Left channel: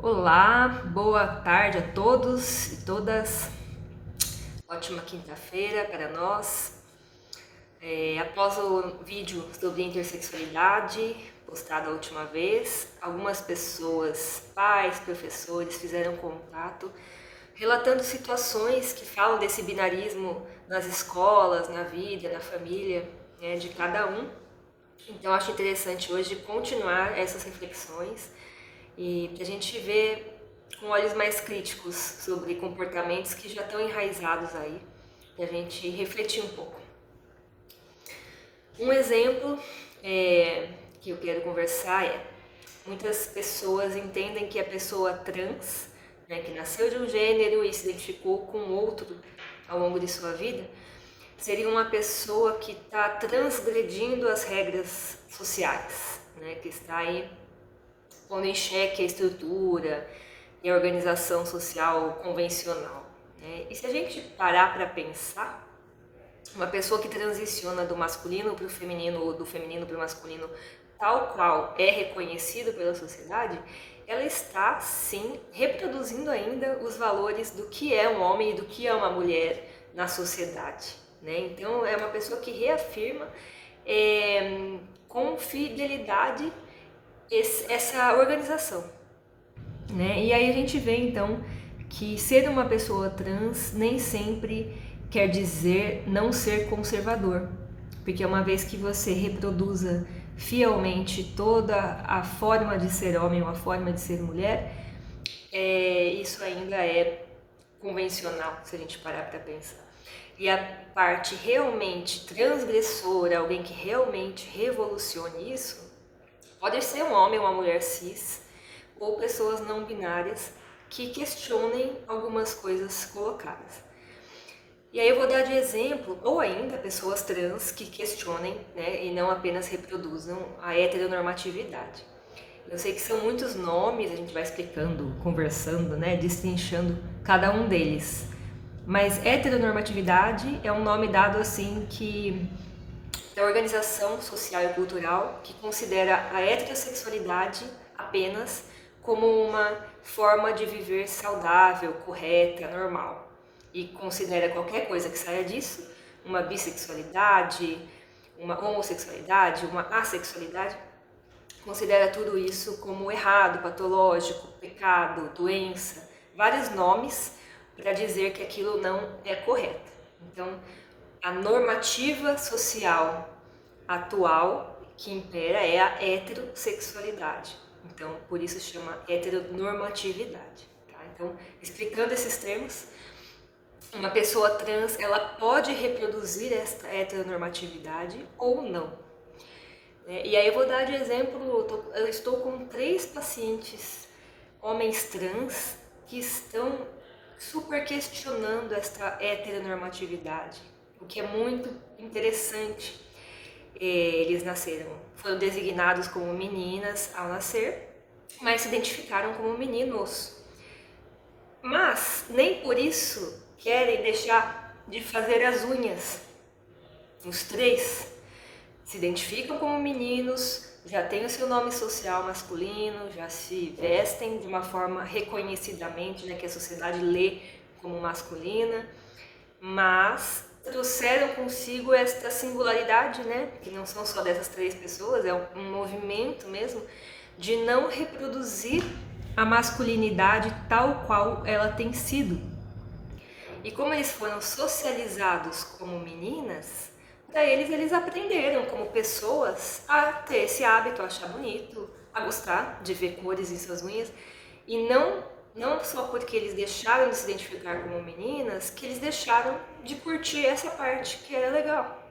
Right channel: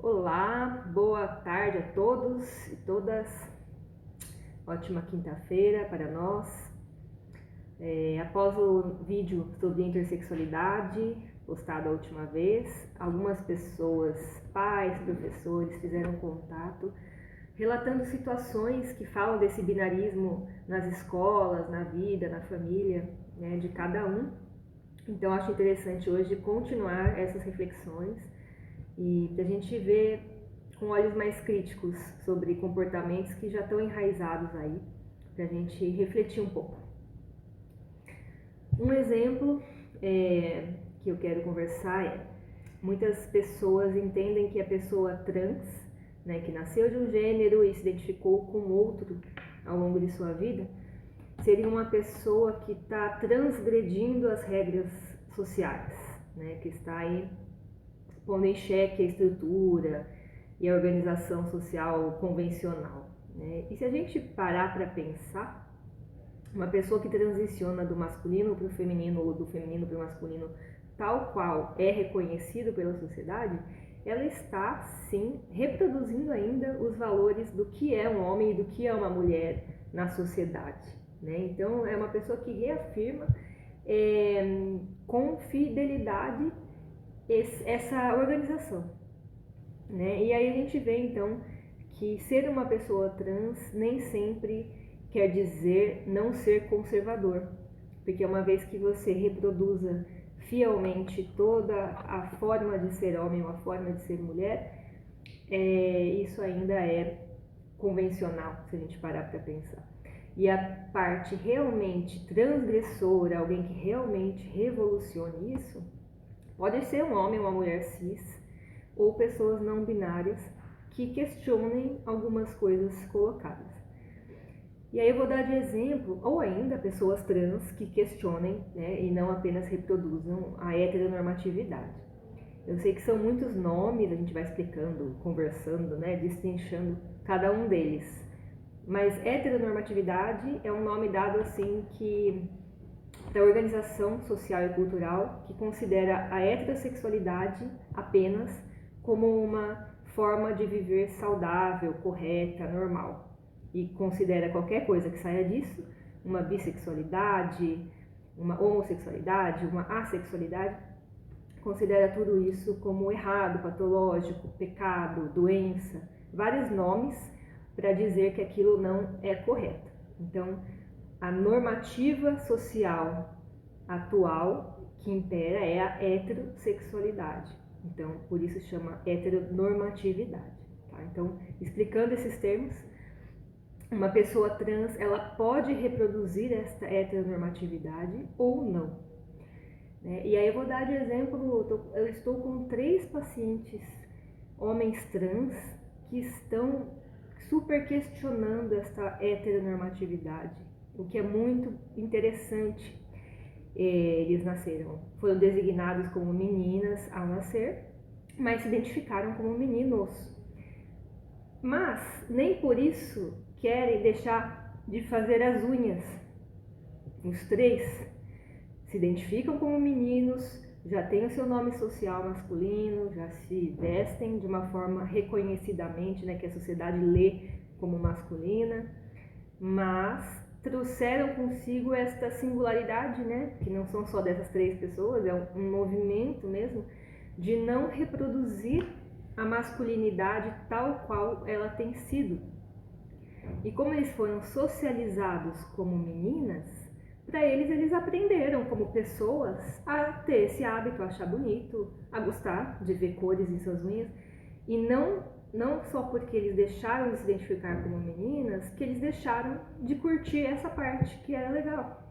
Olá, boa tarde a todos e todas. Ótima quinta-feira para nós. Após o vídeo sobre intersexualidade postado a última vez, algumas pessoas, pais, professores, fizeram contato relatando situações que falam desse binarismo nas escolas, na vida, na família, né, de cada um. Então acho interessante hoje continuar essas reflexões e para a gente ver com olhos mais críticos sobre comportamentos que já estão enraizados aí, para a gente refletir um pouco. Um exemplo que eu quero conversar é: muitas pessoas entendem que a pessoa trans, né, que nasceu de um gênero e se identificou com outro ao longo de sua vida, seria uma pessoa que está transgredindo as regras sociais, né, que está aí pondo em xeque a estrutura e a organização social convencional, né? E se a gente parar para pensar, uma pessoa que transiciona do masculino para o feminino ou do feminino para o masculino, tal qual é reconhecido pela sociedade, ela está sim reproduzindo ainda os valores do que é um homem e do que é uma mulher na sociedade, né? Então é uma pessoa que reafirma com fidelidade essa organização, né? E aí a gente vê então que ser uma pessoa trans nem sempre quer dizer não ser conservador, porque uma vez que você reproduza fielmente toda a forma de ser homem ou a forma de ser mulher, isso ainda é convencional, se a gente parar para pensar. E a parte realmente transgressora, alguém que realmente revolucione isso, pode ser um homem ou uma mulher cis, ou pessoas não binárias que questionem algumas coisas colocadas. E aí eu vou dar de exemplo, ou ainda pessoas trans que questionem, né, e não apenas reproduzam a heteronormatividade. Eu sei que são muitos nomes, a gente vai explicando, conversando, né, destrinchando cada um deles. Mas heteronormatividade é um nome dado assim que da organização social e cultural que considera a heterossexualidade apenas como uma forma de viver saudável, correta, normal, e considera qualquer coisa que saia disso, uma bissexualidade, uma homossexualidade, uma assexualidade, considera tudo isso como errado, patológico, pecado, doença, vários nomes para dizer que aquilo não é correto. Então, a normativa social atual que impera é a heterossexualidade. Então, por isso chama heteronormatividade. Tá? Então, explicando esses termos, uma pessoa trans ela pode reproduzir esta heteronormatividade ou não. E aí eu vou dar de exemplo, eu estou com 3 pacientes homens trans que estão super questionando esta heteronormatividade, o que é muito interessante. Eles foram designados como meninas ao nascer, mas se identificaram como meninos. Mas nem por isso querem deixar de fazer as unhas. Os 3 se identificam como meninos, já têm o seu nome social masculino, já se vestem de uma forma reconhecidamente, né, que a sociedade lê como masculina, mas trouxeram consigo esta singularidade, né, que não são só dessas 3 pessoas, é um movimento mesmo de não reproduzir a masculinidade tal qual ela tem sido. E como eles foram socializados como meninas, para eles aprenderam como pessoas a ter esse hábito, a achar bonito, a gostar de ver cores em suas unhas, e não só porque eles deixaram de se identificar como meninas, que eles deixaram de curtir essa parte que era legal.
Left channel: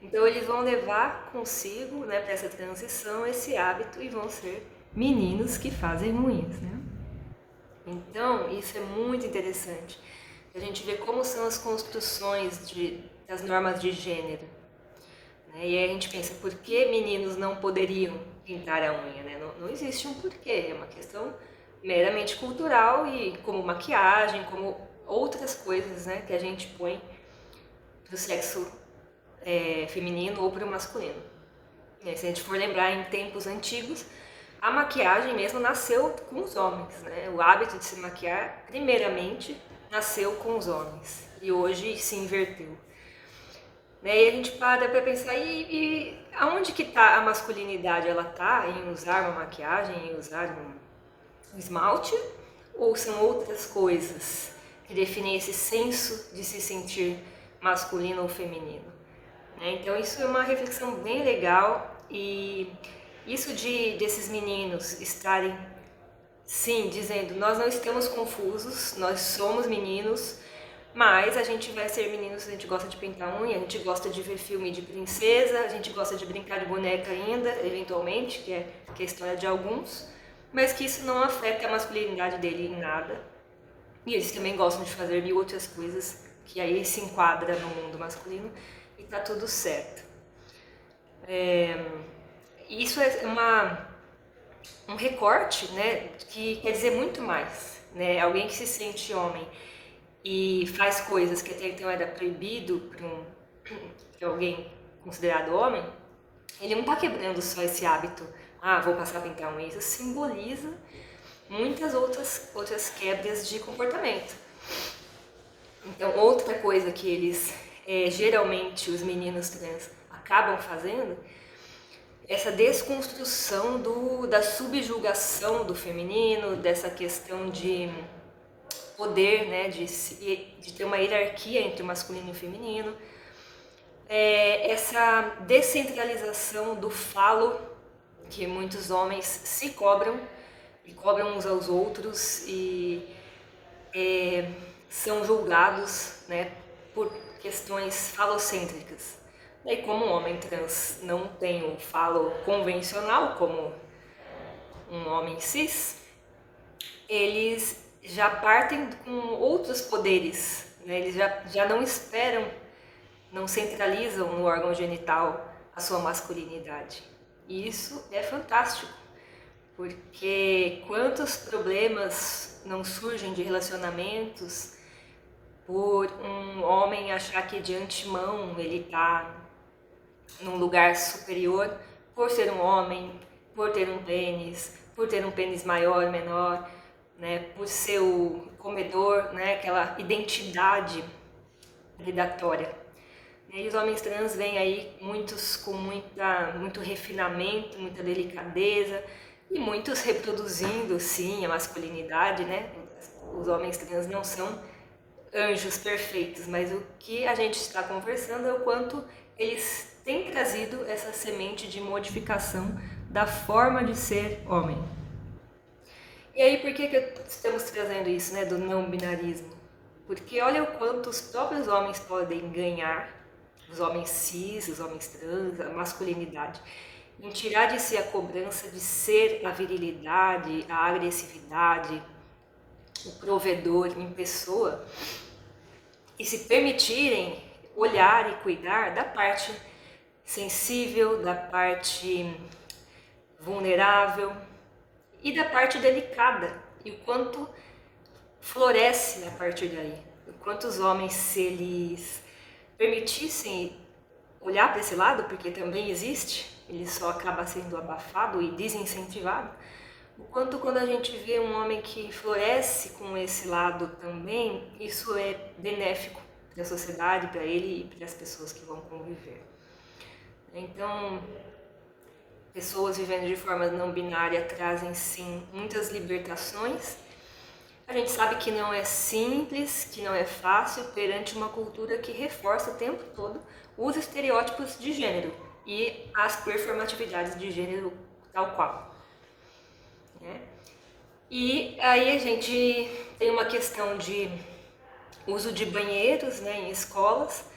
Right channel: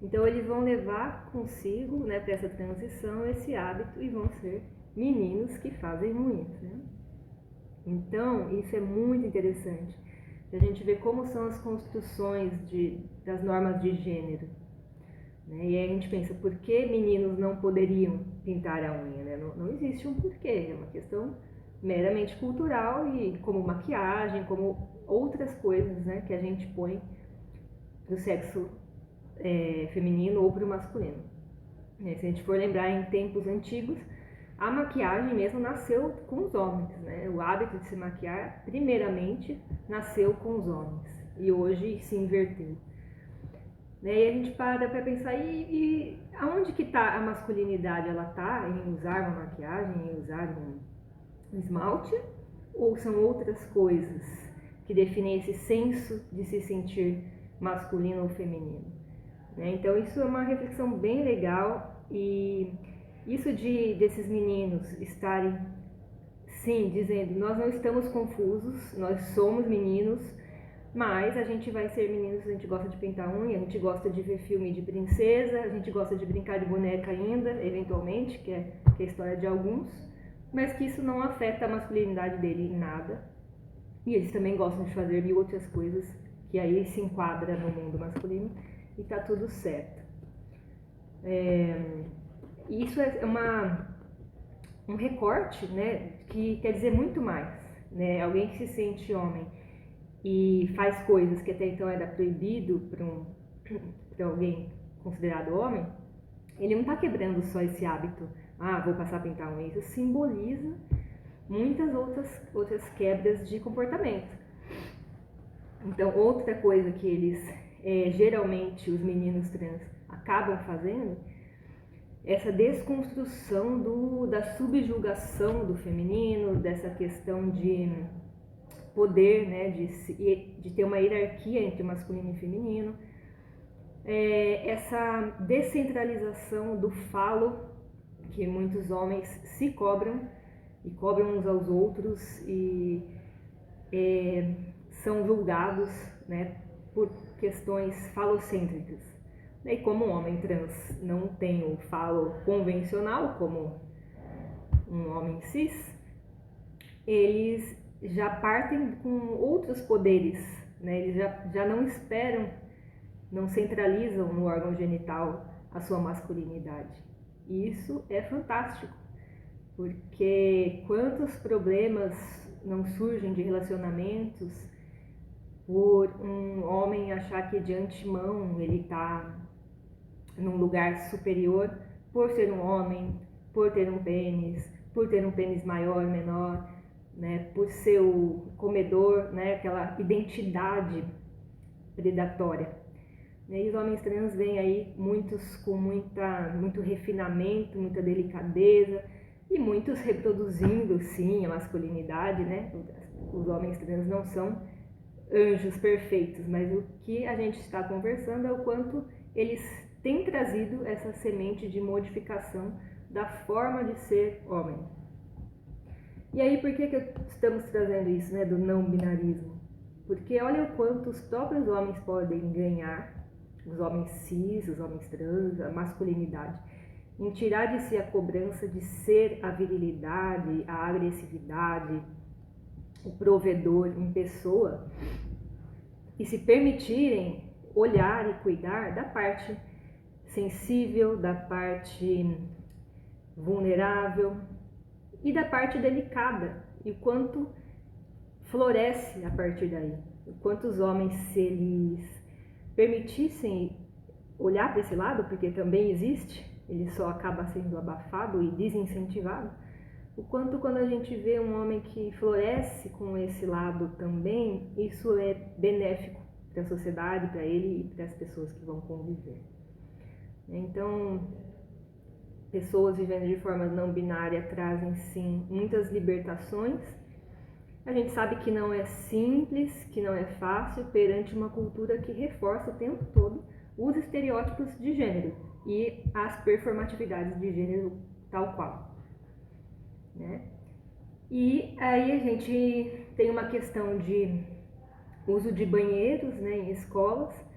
Então eles vão levar consigo, né, para essa transição, esse hábito, e vão ser meninos que fazem unhas, né? Então isso é muito interessante. A gente vê como são as construções das normas de gênero, né? E aí a gente pensa, por que meninos não poderiam pintar a unha, né? Não existe um porquê, é uma questão meramente cultural e como maquiagem, como outras coisas, né, que a gente põe para o sexo feminino ou para o masculino. E aí, se a gente for lembrar em tempos antigos, A maquiagem mesmo nasceu com os homens, né? O hábito de se maquiar, primeiramente, nasceu com os homens e hoje se inverteu. Né? E a gente para pensar, e aonde que está a masculinidade? Ela está em usar uma maquiagem, em usar um esmalte? Ou são outras coisas que definem esse senso de se sentir masculino ou feminino? Né? Então isso é uma reflexão bem legal e isso desses meninos estarem, sim, dizendo nós não estamos confusos, nós somos meninos, mas a gente vai ser meninos, a gente gosta de pintar unha, a gente gosta de ver filme de princesa, a gente gosta de brincar de boneca ainda, eventualmente, que é a história de alguns, mas que isso não afeta a masculinidade dele em nada. E eles também gostam de fazer mil outras coisas que aí se enquadra no mundo masculino e tá tudo certo. Isso é um recorte, né, que quer dizer muito mais. Né? Alguém que se sente homem e faz coisas que até então era proibido para alguém considerado homem, ele não está quebrando só esse hábito, vou passar a pintar unha. Isso simboliza muitas outras quebras de comportamento. Então, outra coisa que eles, geralmente, os meninos trans acabam fazendo, essa desconstrução da subjugação do feminino, dessa questão de poder, né, de ter uma hierarquia entre o masculino e o feminino, essa descentralização do falo que muitos homens se cobram e cobram uns aos outros e são julgados, né, por questões falocêntricas. E como um homem trans não tem um falo convencional como um homem cis, eles já partem com outros poderes, né? Eles já não esperam, não centralizam no órgão genital a sua masculinidade. E isso é fantástico, porque quantos problemas não surgem de relacionamentos por um homem achar que de antemão ele está num lugar superior por ser um homem, por ter um pênis maior, menor, né, por ser o comedor, né, aquela identidade predatória. E os homens trans vêm aí, muitos com muito refinamento, muita delicadeza, e muitos reproduzindo, sim, a masculinidade, né? Os homens trans não são anjos perfeitos, mas o que a gente está conversando é o quanto eles têm trazido essa semente de modificação da forma de ser homem. E aí, por que estamos trazendo isso, né, do não binarismo? Porque olha o quanto os próprios homens podem ganhar, os homens cis, os homens trans, a masculinidade, em tirar de si a cobrança de ser a virilidade, a agressividade, o provedor em pessoa, e se permitirem olhar e cuidar da parte sensível, da parte vulnerável e da parte delicada, e o quanto floresce a partir daí. O quanto os homens, se eles permitissem olhar para esse lado, porque também existe, ele só acaba sendo abafado e desincentivado, o quanto quando a gente vê um homem que floresce com esse lado também, isso é benéfico para a sociedade, para ele e para as pessoas que vão conviver. Então, pessoas vivendo de forma não binária trazem sim muitas libertações. A gente sabe que não é simples, que não é fácil perante uma cultura que reforça o tempo todo os estereótipos de gênero e as performatividades de gênero tal qual. Né? E aí a gente tem uma questão de uso de banheiros, né, em escolas,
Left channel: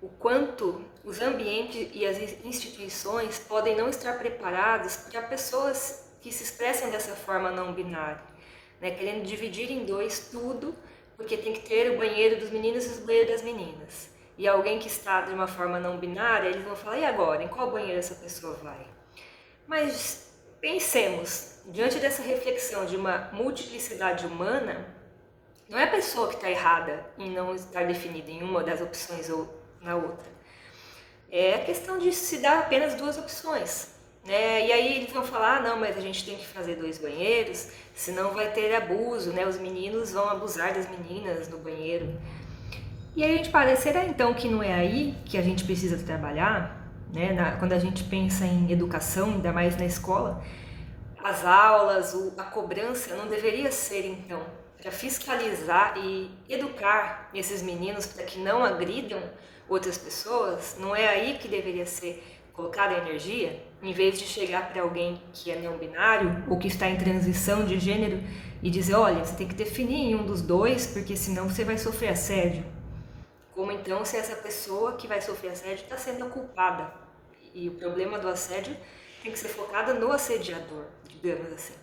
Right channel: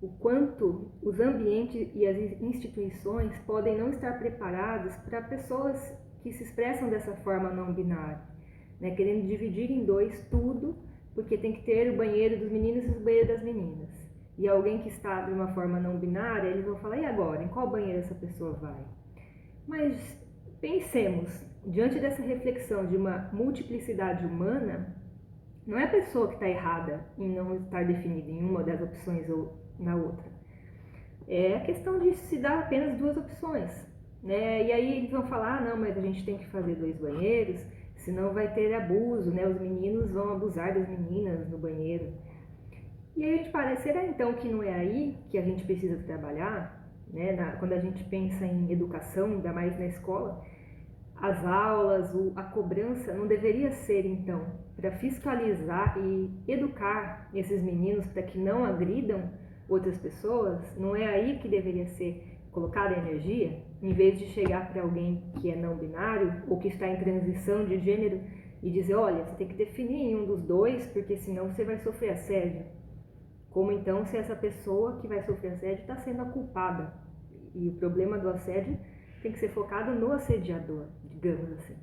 o quanto os ambientes e as instituições podem não estar preparados para pessoas que se expressam dessa forma não binária, né, querendo dividir em dois tudo, porque tem que ter o banheiro dos meninos e o banheiro das meninas. E alguém que está de uma forma não binária, eles vão falar, e agora, em qual banheiro essa pessoa vai? Mas pensemos, diante dessa reflexão de uma multiplicidade humana, não é a pessoa que está errada em não estar definida em uma das opções ou na outra. É a questão de se dar apenas duas opções. né? E aí eles vão falar, não, mas a gente tem que fazer 2 banheiros, senão vai ter abuso, né? Os meninos vão abusar das meninas no banheiro. E aí a gente para, será então que não é aí que a gente precisa trabalhar, né? Quando a gente pensa em educação, ainda mais na escola, as aulas, a cobrança não deveria ser então para fiscalizar e educar esses meninos para que não agridam outras pessoas? Não é aí que deveria ser colocada a energia? Em vez de chegar para alguém que é não binário ou que está em transição de gênero e dizer, olha, você tem que definir em um dos dois, porque senão você vai sofrer assédio. Como então se essa pessoa que vai sofrer assédio está sendo a culpada? E o problema do assédio tem que ser focado no assediador, digamos assim,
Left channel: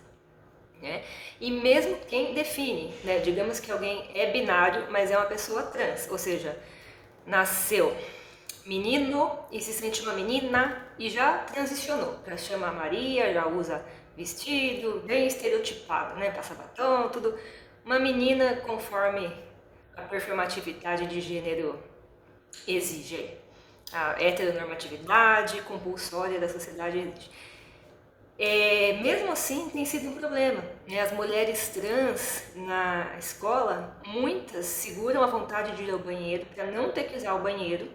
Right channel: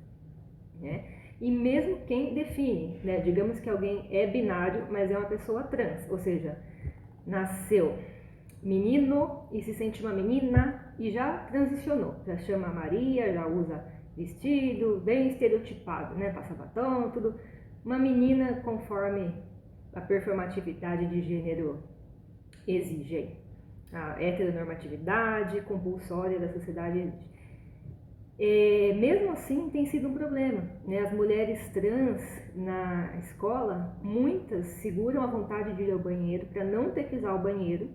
né? E mesmo quem define, né? Digamos que alguém é binário, mas é uma pessoa trans, ou seja, nasceu menino e se sente uma menina e já transicionou, já chama Maria, já usa vestido, bem estereotipado, né? Passa batom, tudo. Uma menina conforme a performatividade de gênero exige, a heteronormatividade compulsória da sociedade exige. Mesmo assim, tem sido um problema, né? As mulheres trans na escola, muitas seguram a vontade de ir ao banheiro para não ter que usar o banheiro.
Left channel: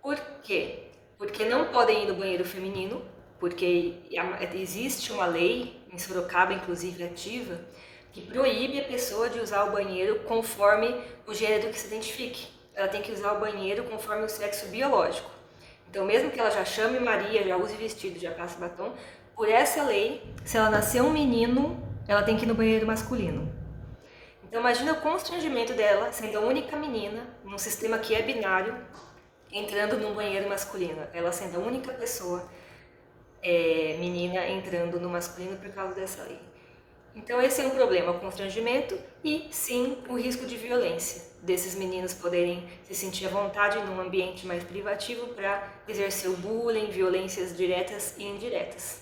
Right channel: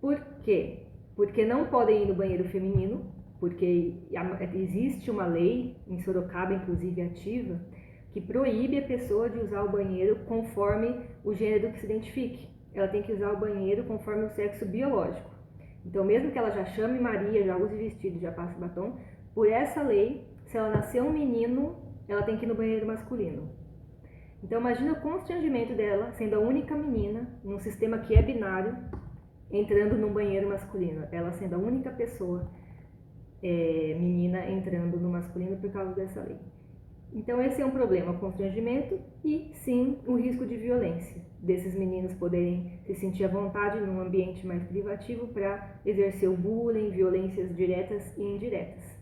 Por quê? Porque não podem ir no banheiro feminino, porque existe uma lei, em Sorocaba inclusive ativa, que proíbe a pessoa de usar o banheiro conforme o gênero que se identifique. Ela tem que usar o banheiro conforme o sexo biológico. Então, mesmo que ela já chame Maria, já use vestido, já passe batom, por essa lei, se ela nascer um menino, ela tem que ir no banheiro masculino. Então, imagina o constrangimento dela, sendo a única menina, num sistema que é binário, entrando num banheiro masculino. Ela sendo a única pessoa menina entrando no masculino por causa dessa lei. Então esse é um problema, o constrangimento e sim o risco de violência, desses meninos poderem se sentir à vontade num ambiente mais privativo para exercer o bullying, violências diretas e indiretas.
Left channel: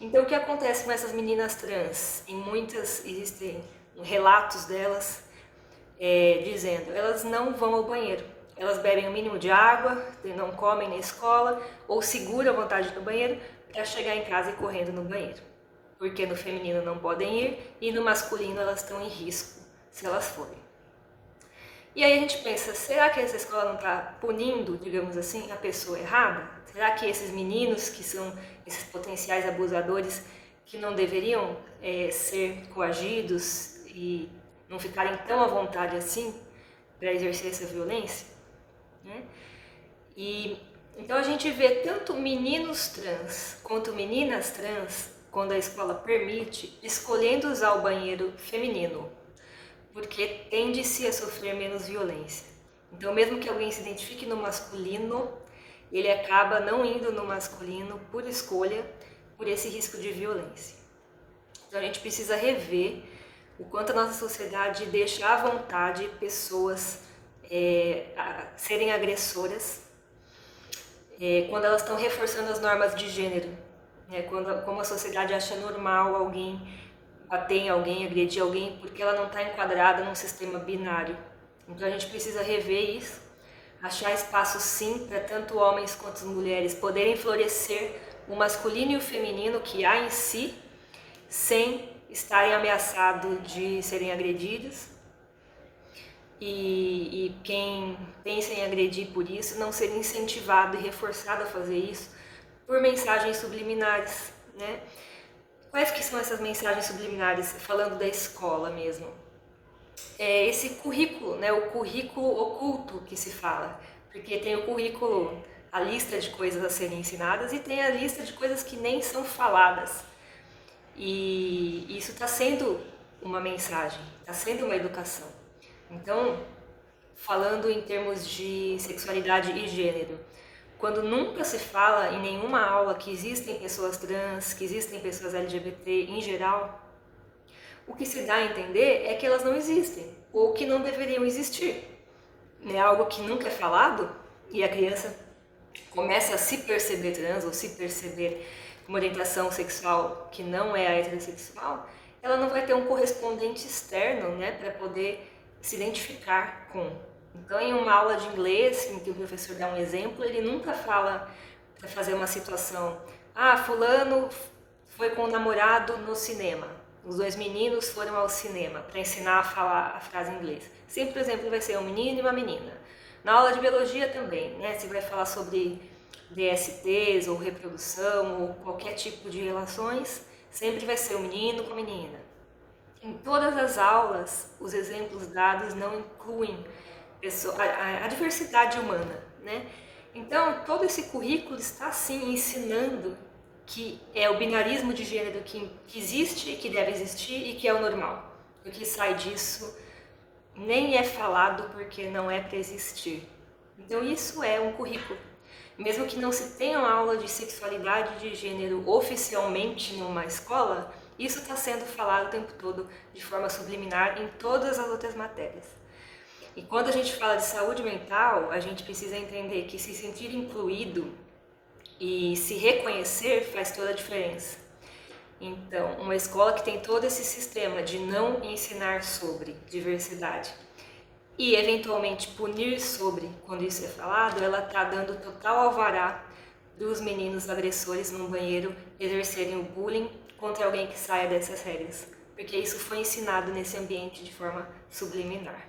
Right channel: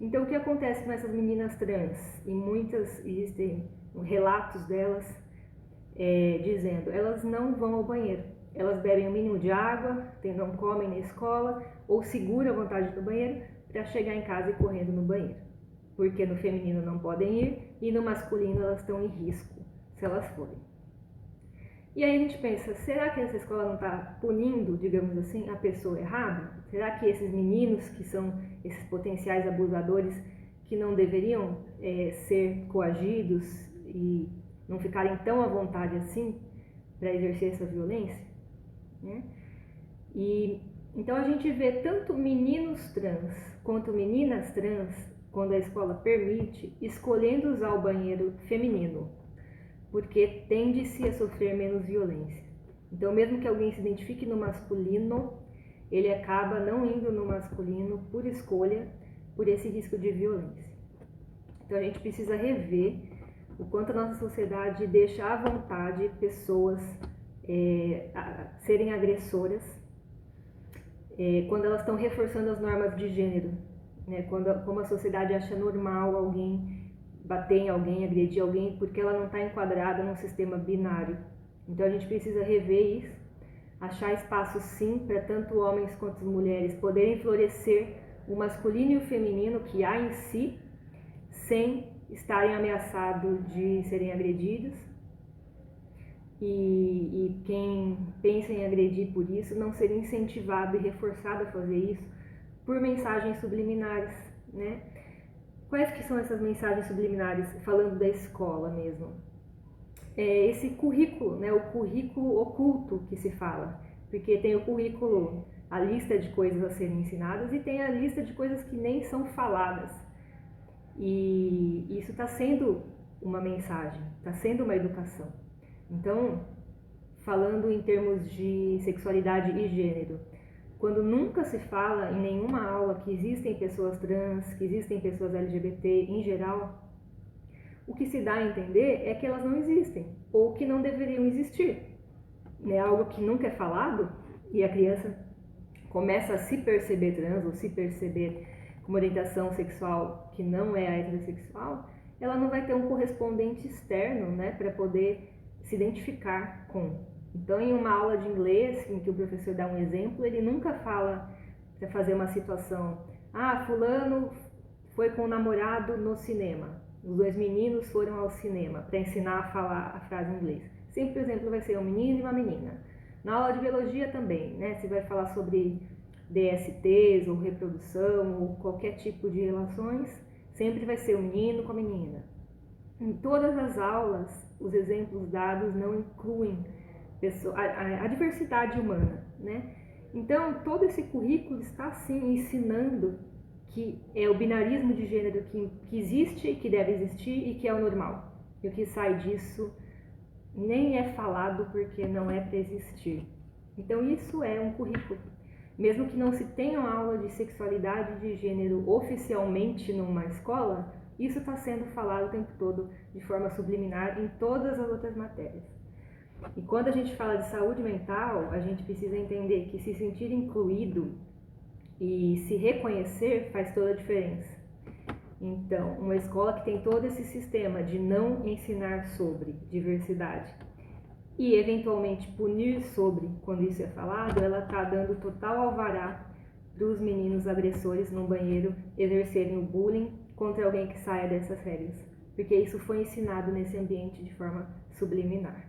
Então o que acontece com essas meninas trans? E muitas existem relatos delas dizendo, elas não vão ao banheiro, elas bebem o mínimo de água, não comem na escola ou seguram a vontade no banheiro para chegar em casa e correndo no banheiro. Porque no feminino não podem ir e no masculino elas estão em risco se elas forem. E aí a gente pensa, será que essa escola não está punindo, digamos assim, a pessoa errada? Será que esses meninos que são esses potenciais abusadores que não deveriam ser coagidos e não ficarem tão à vontade assim para exercer essa violência? Né? E então a gente vê tanto meninos trans quanto meninas trans, quando a escola permite, escolhendo usar o banheiro feminino, porque tende-se a sofrer menos violência. Então, mesmo que alguém se identifique no masculino, ele acaba não indo no masculino por escolha, por esse risco de violência. Então, a gente precisa rever o quanto a nossa sociedade deixa à vontade pessoas serem agressoras quando elas estão reforçando as normas de gênero. Como a sociedade acha normal alguém bater em alguém, agredir alguém, porque ela não está enquadrada num sistema binário. Então a gente precisa rever isso, achar espaço sim para tanto homens quanto mulheres poderem florescer o masculino e o feminino que há em si, sem estarem ameaçados de serem agredidos. E quem pensa em agredir por isso não ser incentivado e reforçado a fazer isso por mensagens subliminares, né? Quais que são essas mensagens subliminares, falando da escola mesmo? Esse currículo, né? O currículo oculto que se fala, porque tem o currículo, a lista de coisas a serem ensinadas e tem a lista de coisas que nem são faladas. E isso está sendo uma mensagem, está sendo uma educação. Então, falando em termos de sexualidade e gênero, quando nunca se fala em nenhuma aula que existem pessoas trans, que existem pessoas LGBT em geral, o que se dá a entender é que elas não existem, ou que não deveriam existir. É algo que nunca é falado e a criança começa a se perceber trans ou se perceber com uma orientação sexual que não é a heterossexual, ela não vai ter um correspondente externo, né, para poder se identificar com. Então, em uma aula de inglês, em que o professor dá um exemplo, ele nunca fala para fazer uma situação Ah, fulano foi com o namorado no cinema. Os dois meninos foram ao cinema para ensinar a falar a frase em inglês. Sempre, por exemplo, vai ser um menino e uma menina. Na aula de biologia também, né? Se vai falar sobre DSTs ou reprodução ou qualquer tipo de relações, sempre vai ser um menino com a menina. Em todas as aulas, os exemplos dados não incluem a diversidade humana, né? Então, todo esse currículo está, sim, ensinando que é o binarismo de gênero que existe, que deve existir e que é o normal. E o que sai disso nem é falado porque não é para existir. Então, isso é um currículo. Mesmo que não se tenha uma aula de sexualidade de gênero oficialmente numa escola, isso está sendo falado o tempo todo de forma subliminar em todas as outras matérias. E quando a gente fala de saúde mental, a gente precisa entender que se sentir incluído e se reconhecer faz toda a diferença. Então, uma escola que tem todo esse sistema de não ensinar sobre diversidade e eventualmente punir sobre quando isso é falado, ela está dando total alvará dos meninos agressores no banheiro exercerem o bullying contra alguém que saia dessas regras, porque isso foi ensinado nesse ambiente de forma subliminar.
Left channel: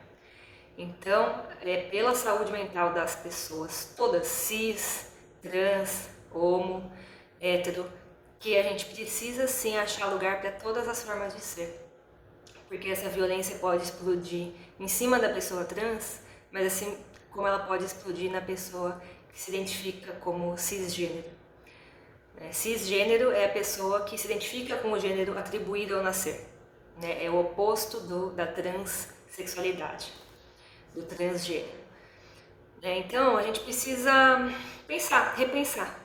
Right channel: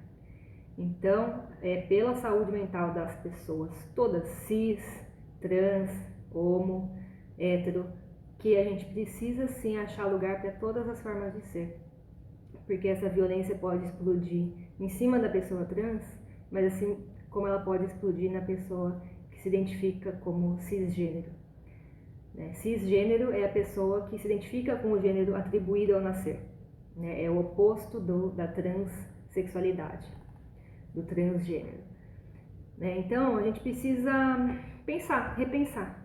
Então, é pela saúde mental das pessoas, todas cis, trans, homo, hétero, que a gente precisa sim achar lugar para todas as formas de ser. Porque essa violência pode explodir em cima da pessoa trans, mas assim como ela pode explodir na pessoa que se identifica como cisgênero. Cisgênero é a pessoa que se identifica com o gênero atribuído ao nascer. É o oposto da transexualidade, do transgênero. Então a gente precisa pensar, repensar.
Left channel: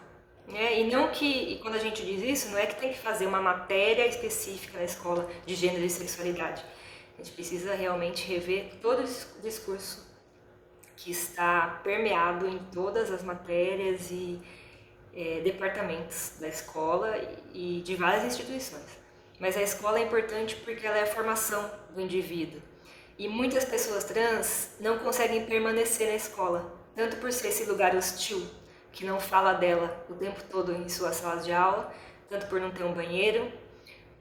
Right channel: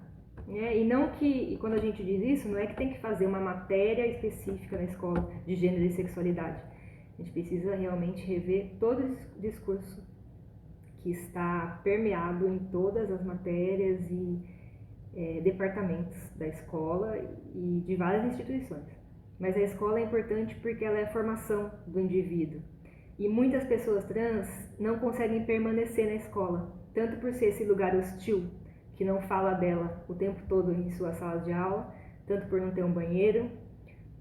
E quando a gente diz isso, não é que tem que fazer uma matéria específica na escola de gênero e sexualidade. A gente precisa realmente rever todo o discurso que está permeado em todas as matérias e departamentos da escola e de várias instituições. Mas a escola é importante porque ela é a formação do indivíduo. E muitas pessoas trans não conseguem permanecer na escola, tanto por ser esse lugar hostil, que não fala dela o tempo todo em suas salas de aula, tanto por não ter um banheiro,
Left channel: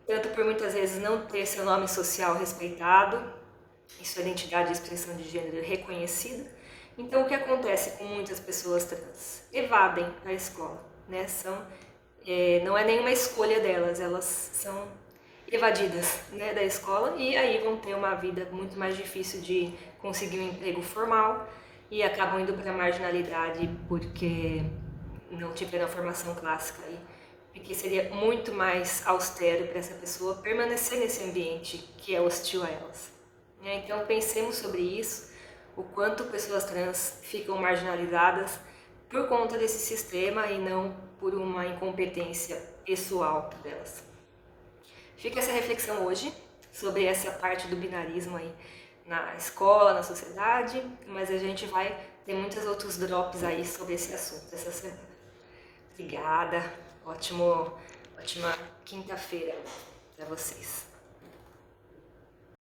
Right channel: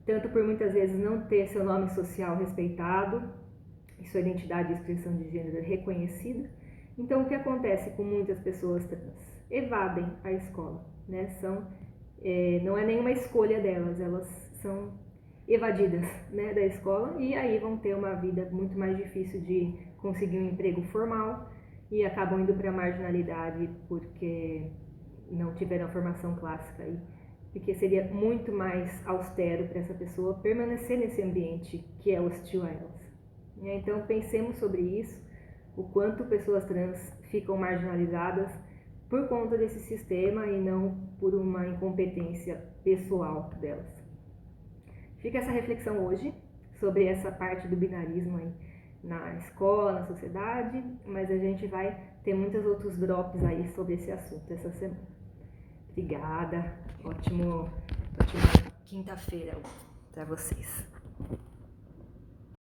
tanto por muitas vezes não ter seu nome social respeitado e sua identidade e expressão de gênero reconhecida. Então, o que acontece com muitas pessoas trans? Evadem a escola, né? Não é nenhuma escolha delas, elas são evadidas, né, da escola e aí vão ter uma vida muito mais difícil de conseguir um emprego formal e acabam indo para a marginalidade porque não tiveram a formação clássica aí, porque seria muito mais austero para essa pessoa permanecer nesse ambiente que é hostil a elas. Então pensemos sobre isso, o quanto pessoas trans ficam marginalizadas por conta desse sistema e não por uma incompetência pessoal delas. Fica essa reflexão hoje sobre essa parte do binarismo aí na escola, na sociedade, mas a gente vai ter muitos outros drops aí sobre esse assunto essa semana. Obrigada, ótima quinta-feira para vocês.